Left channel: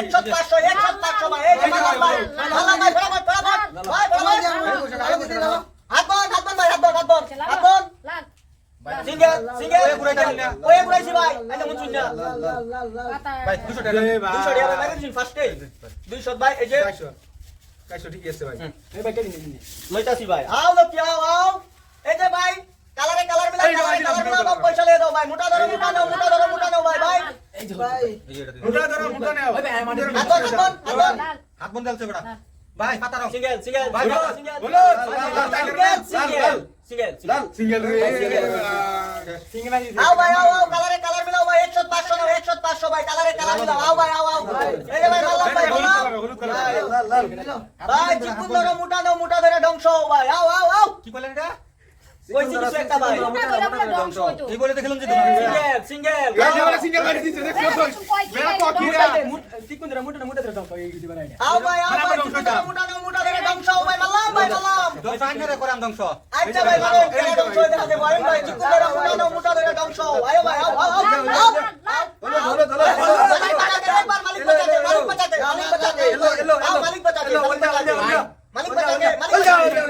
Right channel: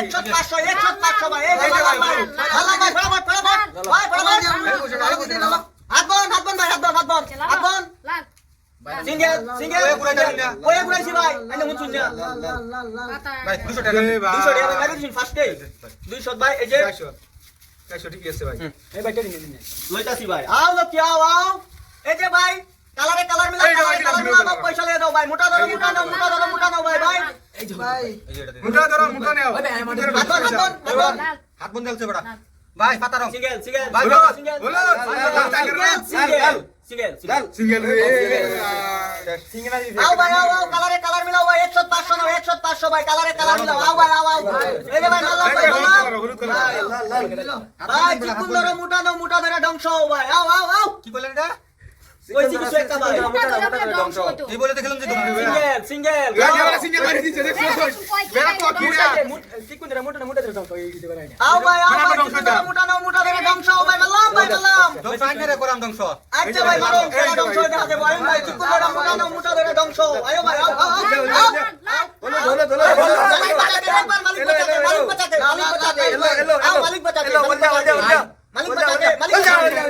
একশো ভাই এই যে ভাই মালাম ভাই। ফটাফট ফটাফট ভাই ফটাফট হাত বন হাত বন ভাই হাত বন হাত বন হাত বন। Single single. কয়ে ঘুরাইছি ভাই আইনা শুন না ভাই 200 টাকা। 200 টাকা ভাই দিন ফার্স্টে 200 ভাই। এই যে। 400 ঠিক আছে ভাই। লইতাছি ভাই। আও লোক আও আও। এই যে ভাই কালারে কালার মিলা কালারে কালার মিলা পয়সা লয়ে দাও ভাই মোটা ধরো মোটা নাও মোটা ধরো মোটা নাও ভাই ভাই। এই যে এটা দে। ধরো মুঠা নেও। হাত হাত হাত হাত বন্ধ আছে বড়া ভাই পাতা রং সিঙ্গেল সিঙ্গেল ভাই, single single. Single single single single. আও ভাই আও আও কালারে কালার মিলাও ভাই 100 500 নাও 100 500 ভাই কালারে কালার মিলাও। আও ভাই আও আও। এই যে ভাই ভাই ভাই ধরো মোটা নাও মোটা ধরে ধ্বংস হও ভাই। আও আও আও। কি বলেন এটা? কইছি কিছু একটা ভাই এই বলে দেখলাম যে সিঙ্গেল সিঙ্গেল সিঙ্গেল মারি দিছে দেখছ বেড়া পকিরা আও ভাই আও ভাই মোটা নাও মোটা ধরে ধ্বংস হও ভাই মাল্লাম ভাই মাল্লাম ধ্বংস আইনে রে করাম ধ্বংস আচ্ছা ভাই মারো খেলা ধ্বংস দেখা যাবে আইন ভাই চিকুন ধরো মোটা নাও মোটা ধরে ধ্বংস আয়ো ভাই আও আও আও মালিক বাঁচাতে একবার মালিক বাঁচাতে মালিক বাঁচাতে মালিক বাঁচাতে আও মালিক বাঁচাতে মালিক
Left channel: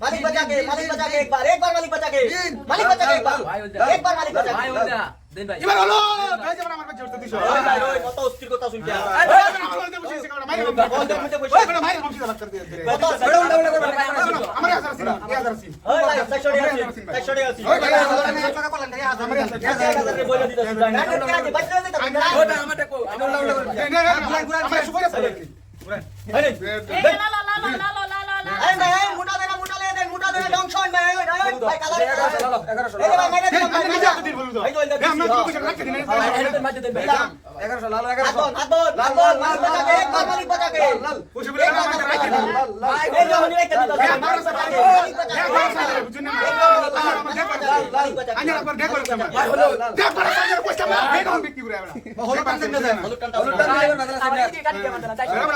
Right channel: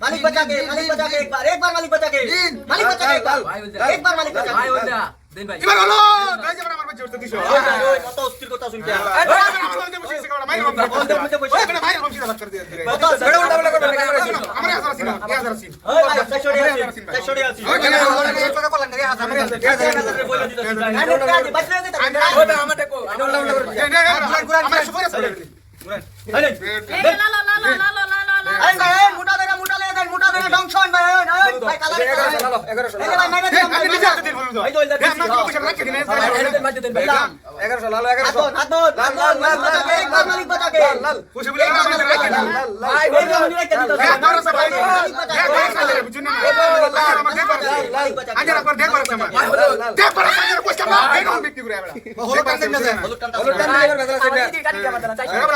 मालिक बचा के मालिक बचा के एक बार एक बार मालिक बचा के मालिक बचा के एक बार एक बार मालिक बचा के এবার হলো তাই যে আমার বাচ্চা উঠতে দিছো ওই ভাই ওই কত অস্থির কথা শুনতে কত আমার হাজার সিন হাজার সিন ওই ভাই চারশো টাকা আছে চারশো টাকা আছে ওই ভাই টাকা করলেন রে হাজার বলে দিতাছি ভাই না না বাচ্চা দিতে আমার সুপার এই ভাই এই মোটা ধরে মোটা ভাই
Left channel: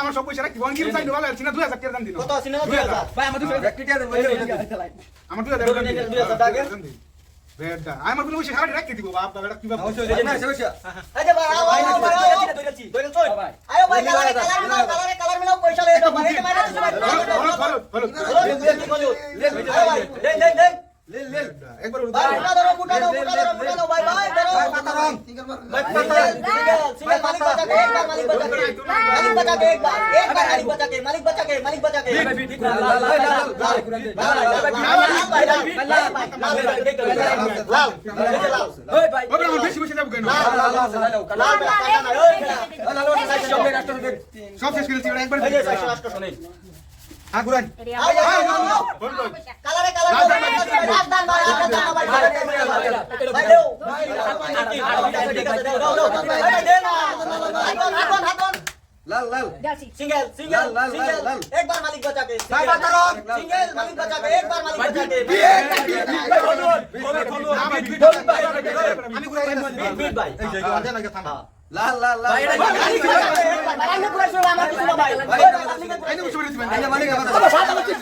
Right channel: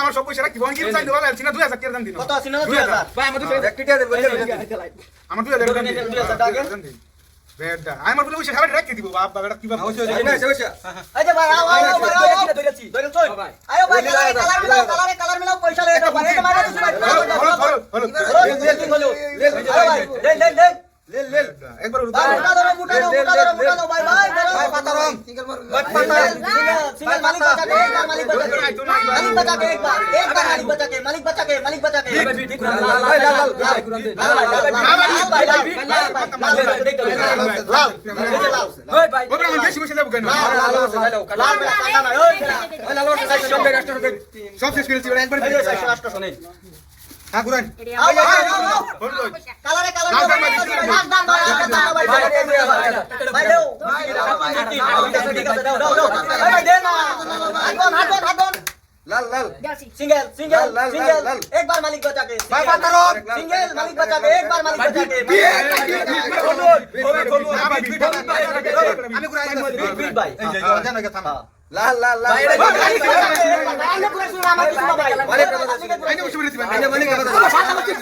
আমার সব পয়সা রাখি দুই হাজার দাম দিল কত আসিনা দুই হাজার আমার দুই হাজার আমার কোনো পয়সা খাবার রাখতে দিব বাপ বাবাটা কি মালিক বাঁচা মালিক বাঁচা মালিক বাঁচা মালিক বাঁচা সব শেষ করেছি একবার হ্যাঁ কালারে কালারে লাল সিঙ্গেল সিঙ্গেল দান ভাই ভাই দেও ঠিক আছে দাও দাও দাও ভাই ভাই দে না